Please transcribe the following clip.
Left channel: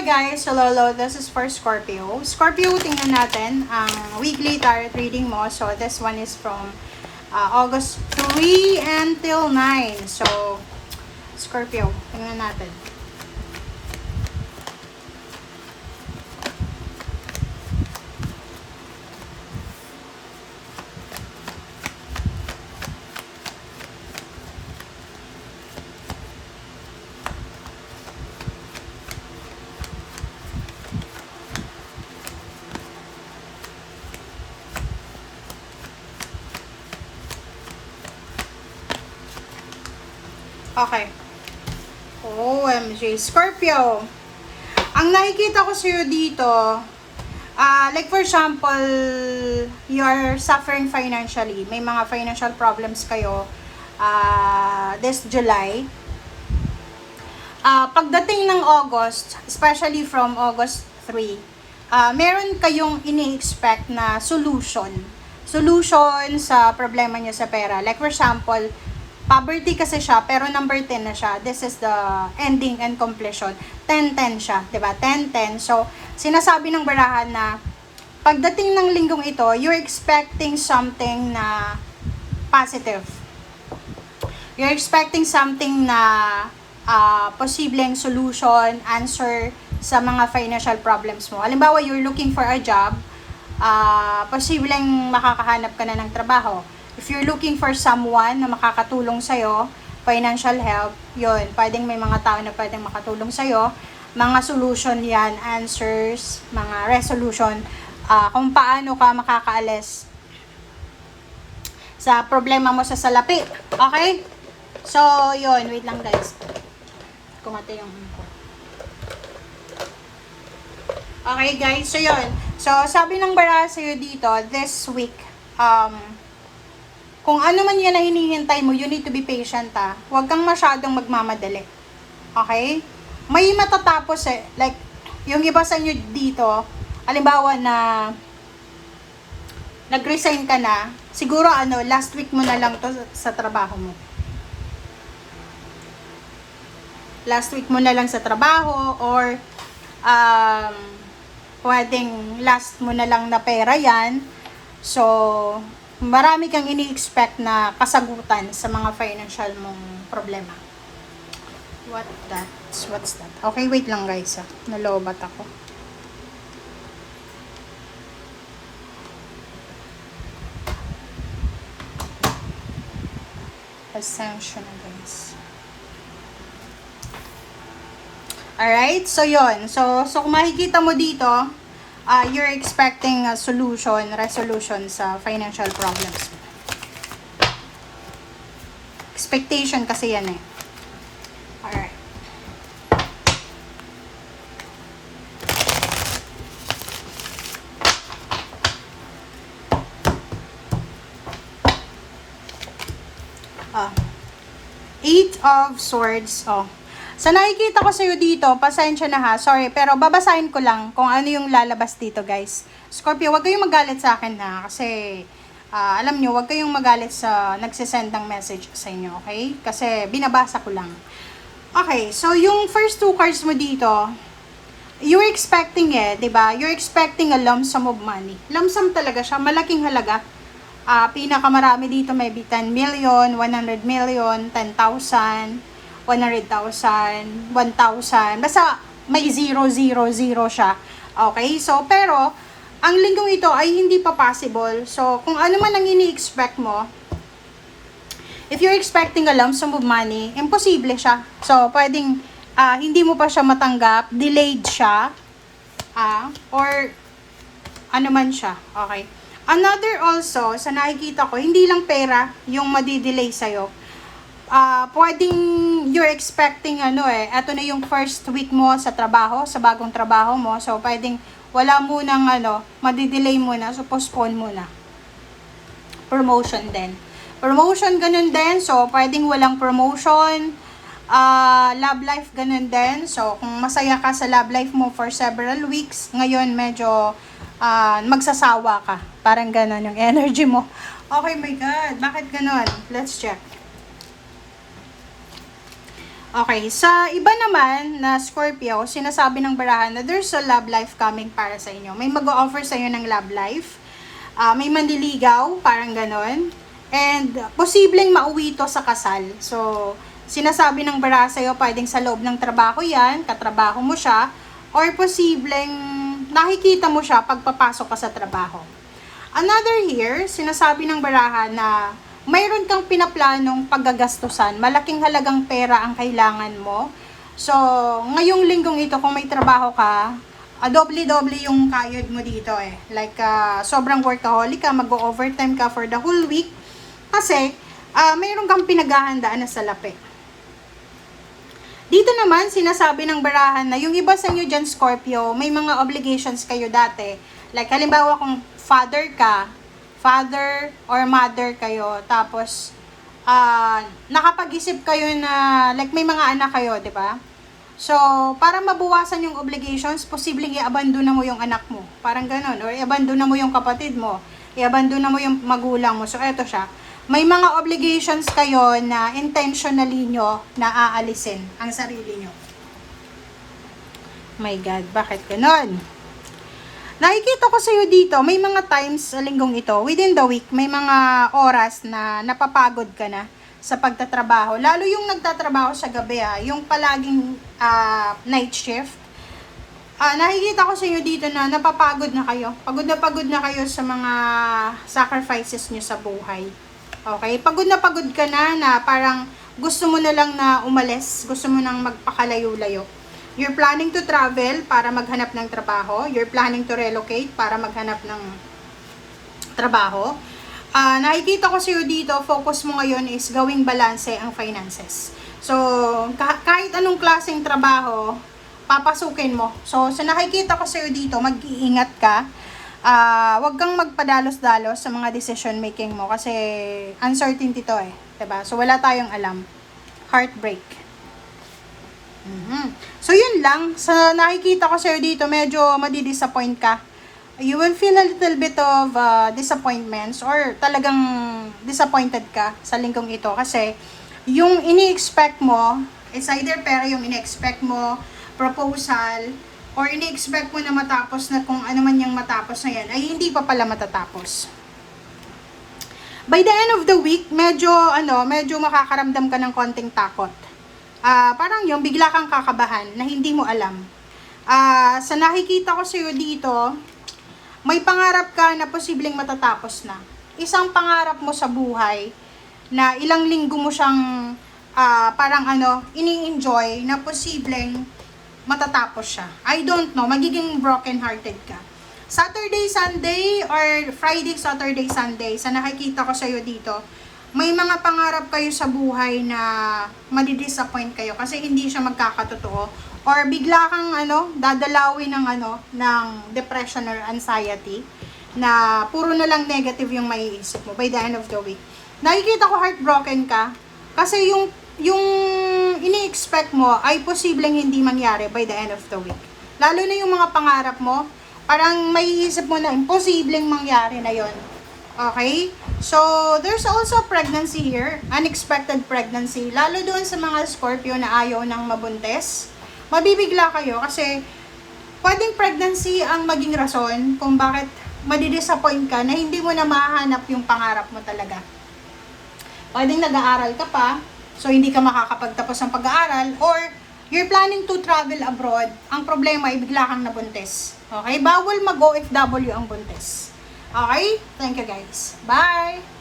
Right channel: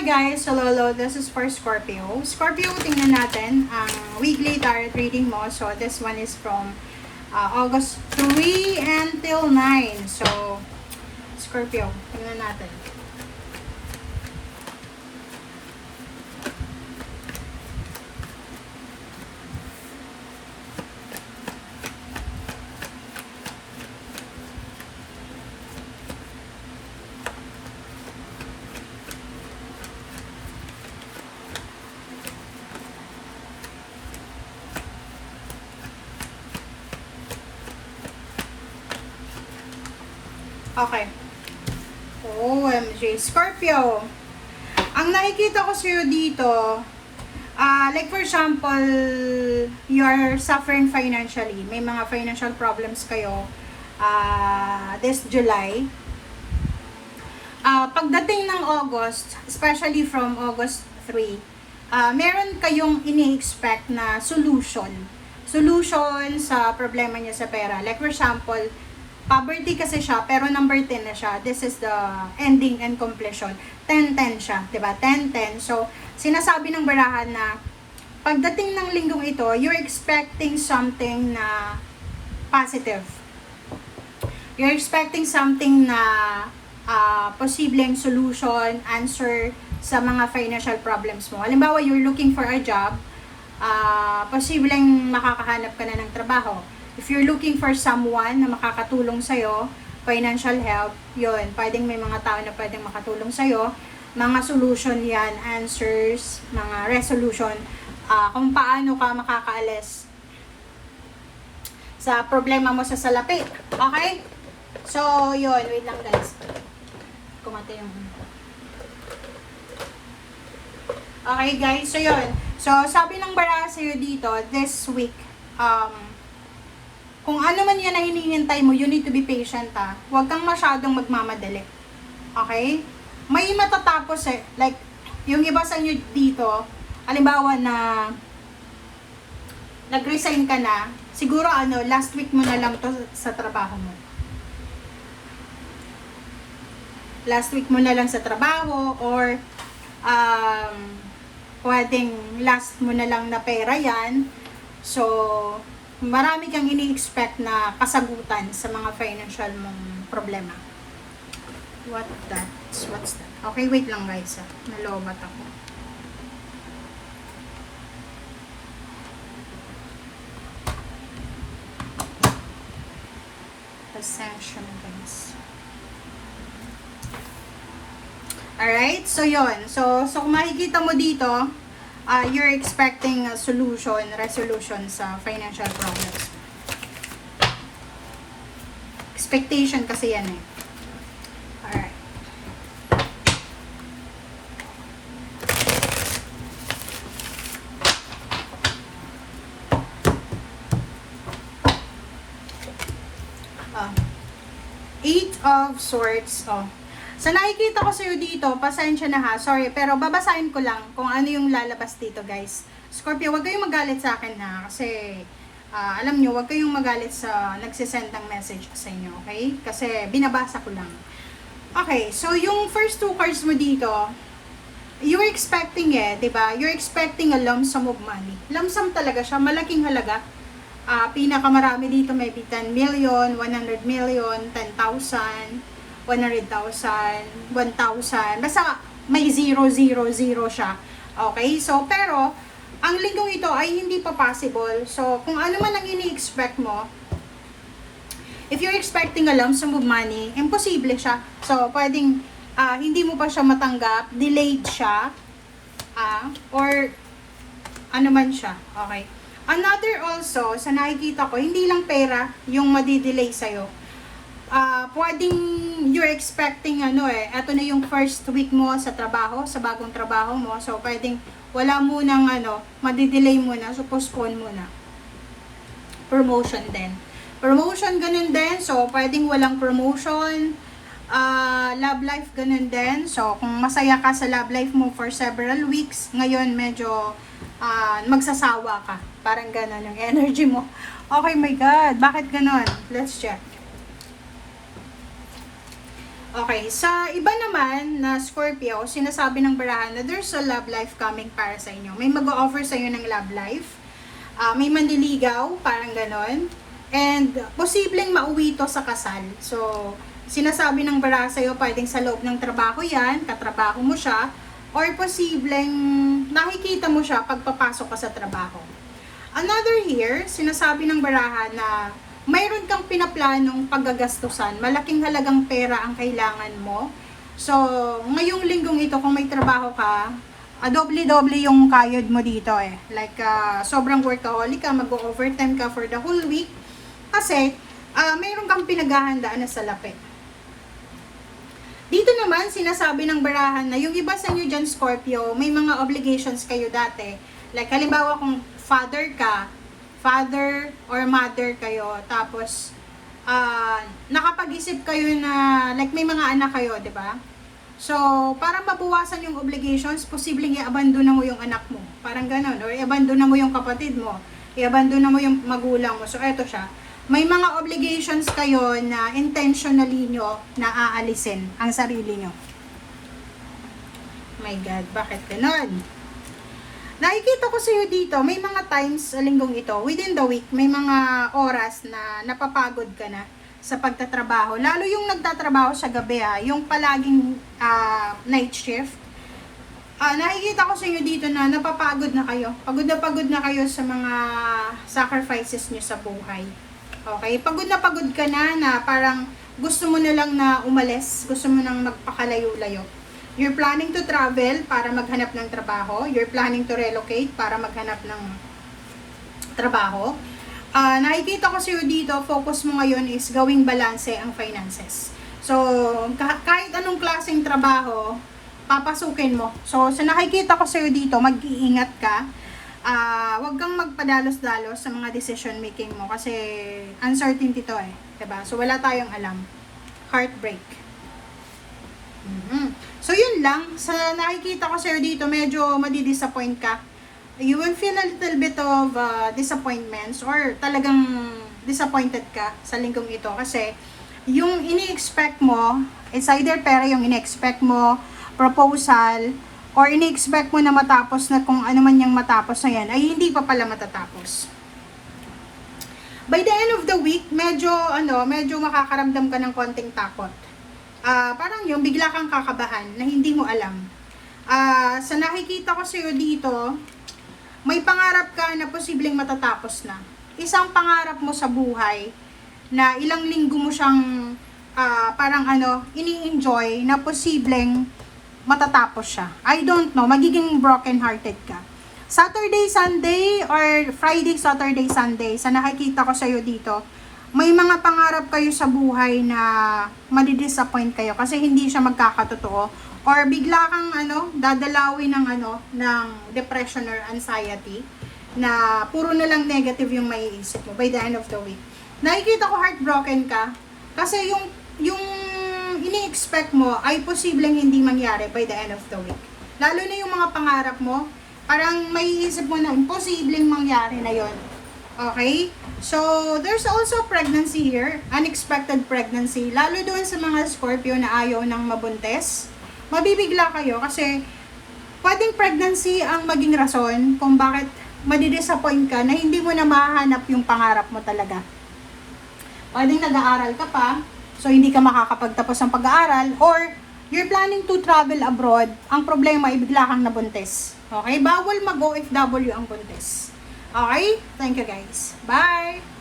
Hi guys! Hello, this is for Scorpio. Scorpio, tingnan natin ang weekly tarot reading mo. So, this one is from August 3 until 9. So, Scorpio, tingnan natin. Okay. OMG. Scorpio, ang nakikita ko sa'yo dito, like for example, you're suffering financially. May mga financial problems kayo this July. Pagdating ng August, especially from August 3, meron kayong ini-expect na solution sa problema niya sa pera. Like for example, poverty kasi siya, pero number 10 na siya. This is the ending and completion. 10-10 siya, diba? 10-10. So, sinasabi ng barahan na pagdating ng linggong ito, you're expecting something na positive. You're expecting something na posibleng solution, answer sa mga financial problems mo. Halimbawa, you're looking for a job, posibleng makakahanap ka na ng trabaho. If you're looking for someone na makakatulong sa'yo, financial help, yun, pwedeng may mga tao na pwedeng makatulong sa'yo, mga solution yan, answers, mga resolution, kung paano ka makakaalis sa problema mo sa salapi. Okay? So, yun, wait lang guys. Kumate yung ko. Okay guys, so yun. So, sabi ng bara sa'yo dito, this week, kung ano man yan na hinihintay mo, you need to be patient ha. Huwag kang masyadong magmamadali. Okay? May matatapos eh. Like, yung iba sa inyo dito, halimbawa na nag-resign ka na, siguro last week mo na lang to sa trabaho mo. Last week mo na lang sa trabaho or pwedeng last mo na lang na pera yan. So, marami kang ini-expect na kasagutan sa mga financial mong problema. What's that? Okay, wait lang guys nalobat ako. Pasensya na guys. Alright, so yon. So kung makikita mo dito, you're expecting a resolution sa financial problems. Expectation kasi yan eh. Alright. Eight of Swords. So, nakikita ko sa'yo dito, pasensya na ha, sorry, pero babasahin ko lang kung ano yung lalabas dito, guys. Scorpio, wag kayong magalit sa akin ha, kasi, alam nyo, wag kayong magalit sa nagsisend ng message sa inyo, okay? Kasi, binabasa ko lang. Okay, so yung first two cards mo dito, you're expecting diba? You're expecting a lump sum of money. Lump sum talaga siya, malaking halaga. Pinakamarami dito, maybe 10 million, 100 million, 10,000, 100,000, 1,000, basta may 000 siya. Okay? So, pero, ang linggong ito ay hindi pa possible. So, kung ano man ang ini-expect mo, if you're expecting a lump sum of money, imposible siya. So, pwedeng, hindi mo pa siya matanggap, delayed siya, or ano man siya. Okay? Another also, sa nakikita ko, hindi lang pera yung madidelay sa'yo. Pwedeng you're expecting eto na yung first week mo sa trabaho, sa bagong trabaho mo. So, pwedeng wala munang madidelay muna, so postpone muna. Promotion din. Promotion, ganun din. So, pwedeng walang promotion. Love life, ganun din. So, kung masaya ka sa love life mo for several weeks, ngayon medyo magsasawa ka. Parang ganun yung energy mo. Okay, my God. Bakit ganun? Let's check. Okay, sa iba naman na Scorpio, sinasabi ng barahan na there's a love life coming para sa inyo. May mag-o-offer sa inyo ng love life. May mandiligaw, parang ganon. And posibleng mauwi to sa kasal. So, sinasabi ng baraha sa'yo, pwedeng sa loob ng trabaho yan, katrabaho mo siya, or posibleng nakikita mo siya pagpapasok ka sa trabaho. Another here, sinasabi ng baraha na mayroon kang pinaplanong paggagastusan, malaking halagang pera ang kailangan mo. So, ngayong linggong ito, kung may trabaho ka, doble-doble yung kayod mo dito eh. Like, sobrang workaholic ka, mag-overtime ka for the whole week. Kasi, mayroon kang pinaghahandaan na salapi. Dito naman, sinasabi ng barahan na yung iba sa inyo dyan, Scorpio, may mga obligations kayo dati. Like, halimbawa kung father or mother kayo, tapos nakapag-isip kayo na like may mga anak kayo, 'di ba? So, para mabawasan yung obligations, posibleng i-abandona mo yung anak mo. Parang gano'n, or i-abandona mo yung kapatid mo, i-abandona mo yung magulang mo. So, eto siya. May mga obligations kayo na intentionally nyo na aalisin ang sarili nyo. My God, bakit gano'n? Nakikita ko sa iyo dito, may mga times sa linggong ito, within the week, may mga oras na napapagod ka na sa pagtatrabaho. Lalo yung nagtatrabaho sa gabi, yung palaging night shift. Nakikita ko sa iyo dito na napapagod na kayo. Pagod na kayo sa mga sacrifices niyo sa buhay. Okay? Pagod ka na parang gusto mo na lang na umalis, gusto mo nang magpakalayo-layo. You're planning to travel para maghanap ng trabaho. You're planning to relocate para maghanap ng trabaho. Nakikita ko sa iyo dito, focus mo ngayon is gawing balanse ang finances. So, kahit anong klaseng trabaho, papasukin mo. So, sa nakikita ko sa iyo dito, mag-iingat ka. Huwag kang magpadalos-dalos sa mga decision making mo kasi uncertainty to eh. Diba? So, wala tayong alam. Heartbreak. So, yun lang. Sa nakikita ko sa'yo dito, medyo madidisappoint ka. You will feel a little bit of disappointments or talagang disappointed ka sa linggong ito. Kasi, yung ini-expect mo, it's either pera yung ini-expect mo, proposal, or ini-expect mo na matapos na kung ano man yung matapos na yan, ay hindi pa pala matatapos. By the end of the week, medyo makakaramdam ka ng konting takot. Parang yung bigla kang kakabahan na hindi mo alam. Sa nakikita ko sa'yo dito, may pangarap ka na posibleng matatapos na. Isang pangarap mo sa buhay na ilang linggo mo siyang ini-enjoy na posibleng matatapos siya. I don't know, magiging broken-hearted ka. Saturday, Sunday, or Friday, Saturday, Sunday, sa nakikita ko sa'yo dito, may mga pangarap kayo sa buhay na madidisappoint kayo kasi hindi siya magkakatotoo or bigla kang dadalawin ng depression or anxiety na puro na lang negative yung maiisip mo by the end of the week. Nakikita ko heartbroken ka kasi yung ini-expect mo ay posibleng hindi mangyari by the end of the week. Lalo na yung mga pangarap mo, parang maiisip mo na imposibleng mangyari na yon. Okay? So, there's also pregnancy here. Unexpected pregnancy. Lalo doon sa mga Scorpio na ayaw ng mabuntis. Mabibigla kayo kasi pwedeng pregnancy ang maging rason kung bakit madidisappoint ka na hindi mo na mahanap yung pangarap mo talaga. Pwedeng nag-aaral ka pa, so hindi ka makakapagtapos ng pag-aaral, or you're planning to travel abroad. Ang problema ay bigla kang nabuntis. Okay? Bawal mag-OFW ang buntis. Okay? Thank you guys. Bye!